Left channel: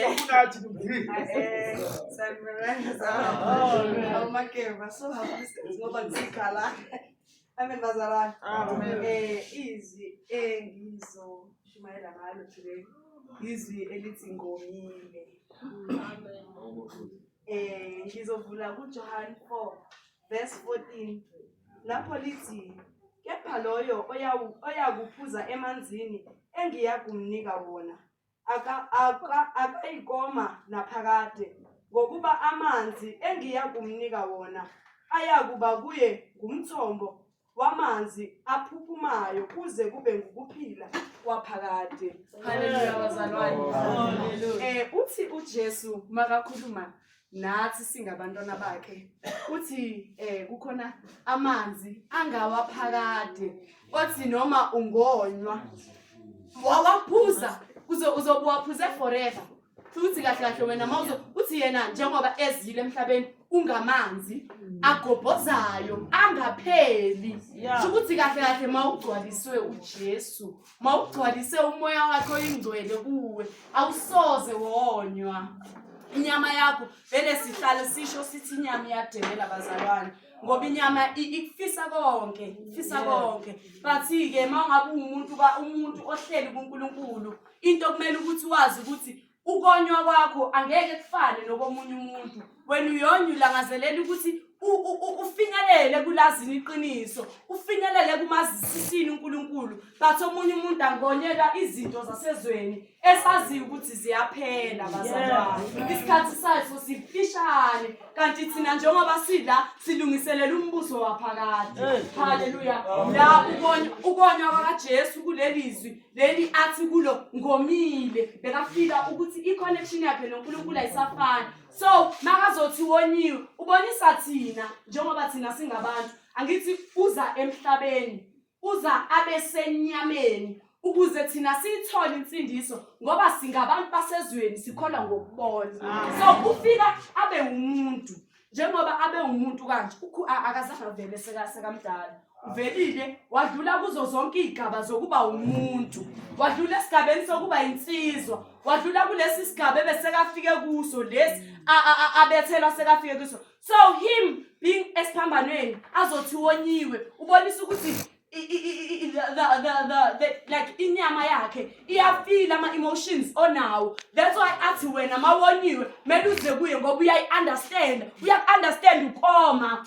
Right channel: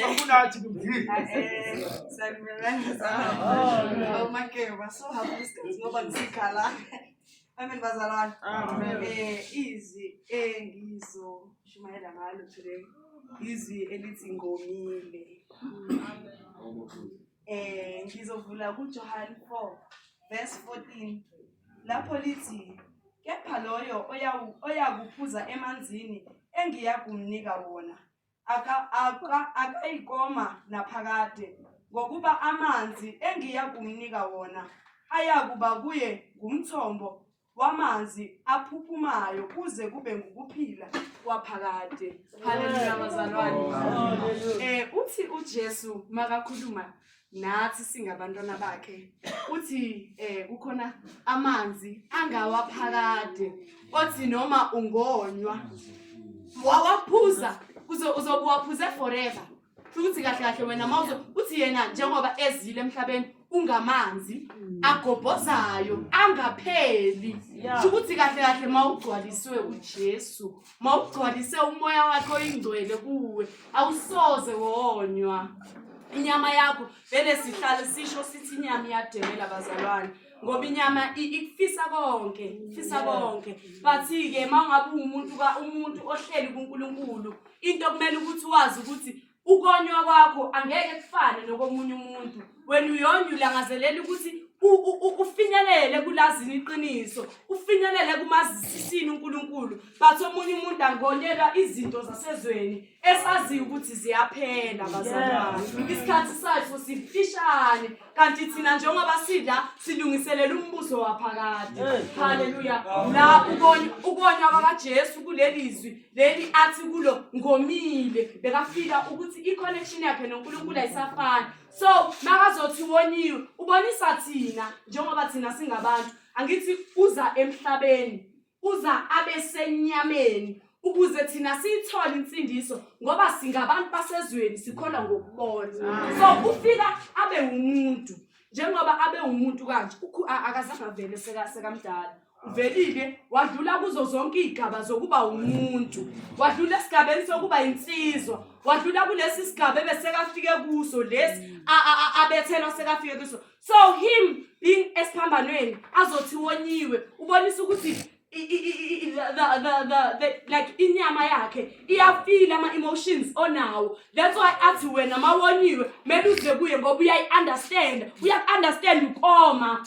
Zokunathi kumdli. Sanibona. Oh Makeba, so happy isikhathi ngoba ngisikhala. Amen bazalwane. Amen. Izwi engizoshumayela ngalo today. Izwi elithi ngomile. Ngizovula kuJohn 4 verse 14. Lapho lithi kepha loyo oyakuphuza emanzini engiyakumnika wona akayikoma naphakade ngokuba amanzi engiyakumnika wona ayakuba kuye ngumthombo wamanzi aphuphumayo kuze kube ngukuphila kwaphakade. Haleluya bazalwane. Uthi uJesu makakhuluma nathi singabantwana bakhe uthi kukhona amanzi angawaphakade othi noma ungonywa wawaphuza uzobuwaphuze forever. Futhi kahle kahle wena mawuzo uthi yena njengoba ezile emhlabeni ungamanzi agobhozayo angapheli. Ukuthi kahle kahle mawugcwaliswe uJesu, mawugcwalise umoya wakhe oyingcwele kuwe, awusoze wonywa. Inyama yakho vele sihlale sisho sithi inyama iyademela bazalwane ngoba inyama ikufisa konke, ifisa konke. But ke mawungabe umuntu ohleli kuNkulunkulu, into kumele ukuthi wazi ukuthi ukonywa kwakho angeke kufane nokomunye umuntu. Wena uyonyula ngazelela ukuthi ufinyelele kulazini iqiniso, ufinyelele kumazisisini uNkulunkulu. But omunye umuntu angonyelwa izinto zasezweni esaziyo ukuthi ziyaphela bazalwane. Isikhathi sakho sifishane kanti thina njengoba sidla silungiselela umbuso waphakade. Haleluya. La ukonywa kwaJesu kulelizwi leli athi kulo ngomile bekafika ukuthi iconnection yakhe noNkulunkulu ayisafani. So makazothi wonyiwe ubonisa thina njengoba thina singabantu angithi uza emhlabeni uza abesenyameni ukuze thina sithole insindiso ngoba singabantu basezweni sikholwa ngokubona. So ufika abe umuntu njengoba abe umuntu kanje akazange vele sekamdala. Uvelile wadlula kuzo zonke izigaba zokuba umuntu, wadlula esigabeni sokuba insizwa, wadlula kulesi sigaba ebesekafike kuso lesi abethelwa sekafike kuso. So him being esiphambanweni azothi wonyiwe ubonisa ukuthi like inyama yakhe iyafeel ama emotions onawo. That's why athi wena mawonyiwe mele uze kuye ngoba uyakunderstand ukoma,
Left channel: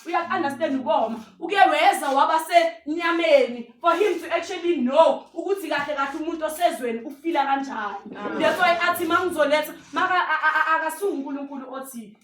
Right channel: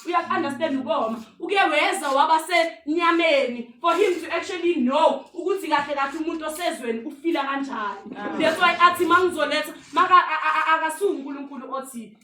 uke weza wabasenyameni for him to actually know ukuthi kahle kahle umuntu osezweni ufila kanjani. That's why athi mangizoletha akasungu uNkulunkulu othi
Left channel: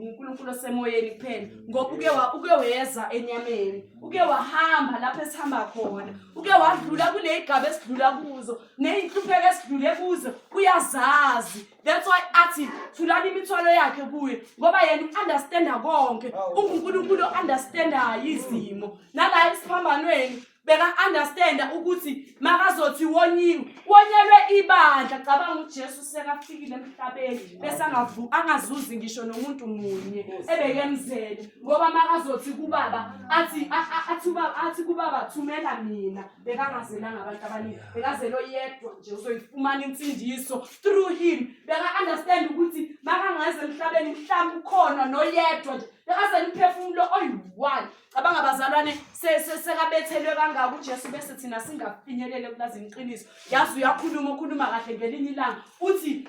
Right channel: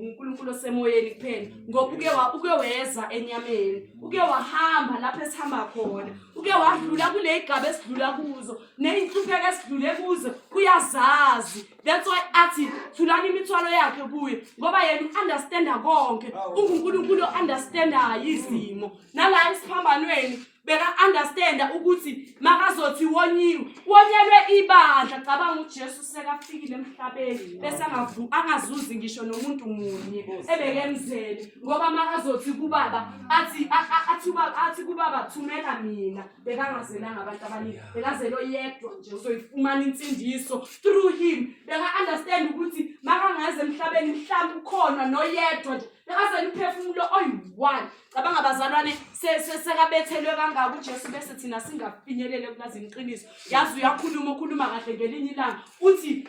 uNkulunkulu osemoyeni kuphela ngoba uke weza enyameni, uke wahamba lapha esihamba khona, uke wadlula kule igaba esidlula kuzo nezinhlupheko esidlule kuzo uyazazi. That's why athi thulani imithwalo yakhe kuye ngoba yena understanda konke. uNkulunkulu understanda izimo nala isiphambanweni beka understanda ukuthi makazothi wonyelwe ibandla. Cabanga uJesu sekafika emhlabeni bese angazuzi ngisho nomuntu munye ebekemzele ngoba makazothi kubaba athi kubaba thumela mina bekangazelanga abantu abaningi, bekazelo yedwa nje uzoyifumana insindiso through him. Beka understand ukuthi makangaze emhlabeni mhlawumbe ukhona noyedwa nje bekazela umphefumulo oyi-1. Cabanga bazalwane sekabethelwe kangaka uJesu bese thina singafinyelele kulazini iqiniso. Yazi uyakhuluma kahle ngelinye ilanga uthi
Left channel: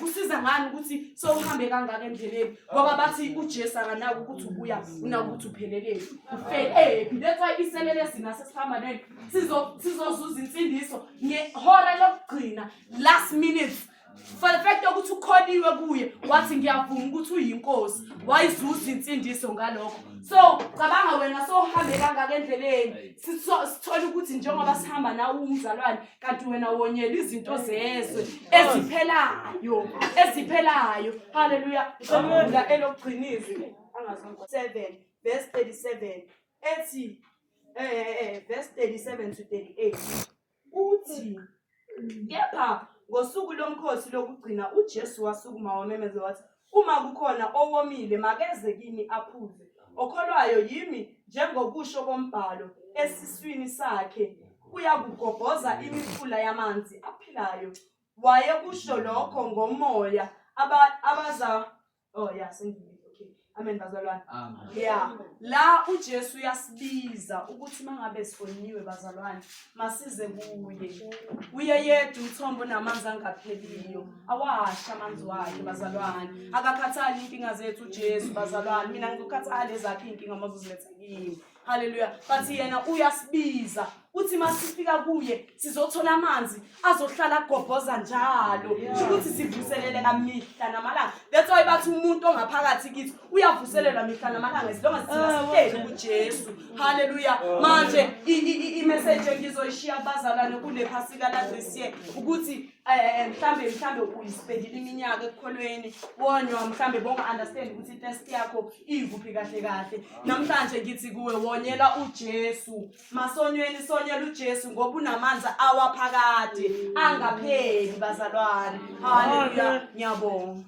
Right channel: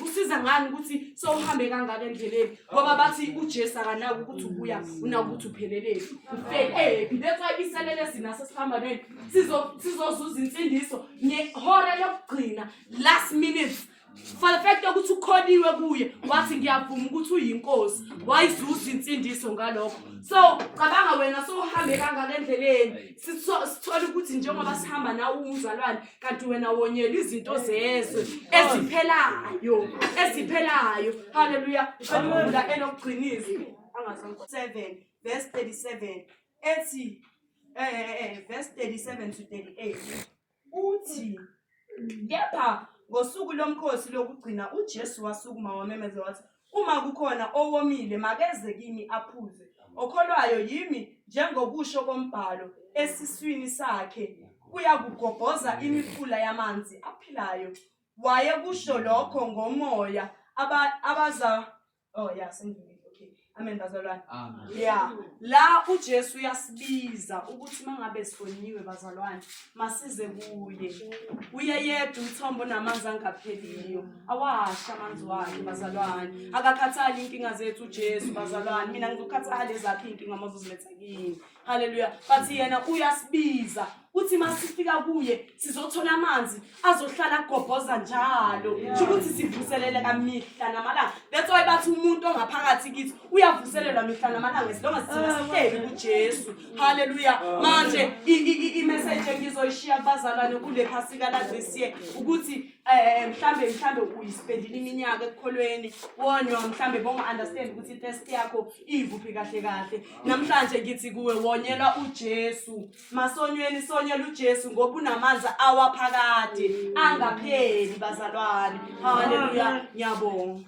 kusiza ngani ukuthi sowuhambe kangaka endleleni ngoba bathi uJesu akanaki ukuthi ubuya unaki ukuthi uphelelele ufele. That's why iselele sina sesiphambanweni sizozuza insindiso ngehora lokugcina last minute. For the fact ukuthi ukholiwe kuye wathi ngiyavuma ukuthi uyinkosi wayizuza insindiso ngalokho. So cabanga wena sohambe kangaka endleleni sithola ukuthi njengoba sihamba nawe umzalwane kanti wena wonyela izinto zezwe eziphelayo. Haleluya. Shemula elokugcinizi angazonke 7 verse 37 ethi verse 37 to 38 uthi kepha ngosuku lomkhosi lokugcina uJesu wasukuma wamemeza wathi uma kukhona owomile makeze kimi aphuze. Okholwayo yimi njengokusho kombhalo esiswini sakhe kuyakugobhoza imifula yamanzi aphilayo. wayekusho lokho ngomoya abaza sengivile. Okay, amen bazalwane. Yeah, la uJesu uyasibiza ukuthi mangabe sifoniwe bazalwane masize kuye. Uye yedwa umthombo namanzi angapheliyo. Awasha amanzi wakhe bazalwane. Akakhathali inkinga zethu uJesu bazalwane. Mina ngizokhathala ezakhe inkinga mazuziletha kimi. Hallelujah. Bathi yena uyasibiza. Uthi masifika kuye sizothola amanzi azohlala agobhoza njalo. Ukuthi sivuselele kamihla namalanga. That's why bathi umuntu ongaphakathi kithi uyavuselelwa mihla namalanga esilonga sihleli kuJesu. Hallelujah. Manje i-message engizoyishiya kubazalwane kule phasika la this year ukuthi mhlambe uyispendile iminyaka ekukholweni wonywa mhlambe bonga understand ukuthi test yakho ivuphi kahle. Namhlanje ngithi kuwe wonyela uJesu. Masonyweni sonyela uJesu ngoba unamanzi awaphakade angapheli bazalwane. Hallelujah. Ngiyabonga.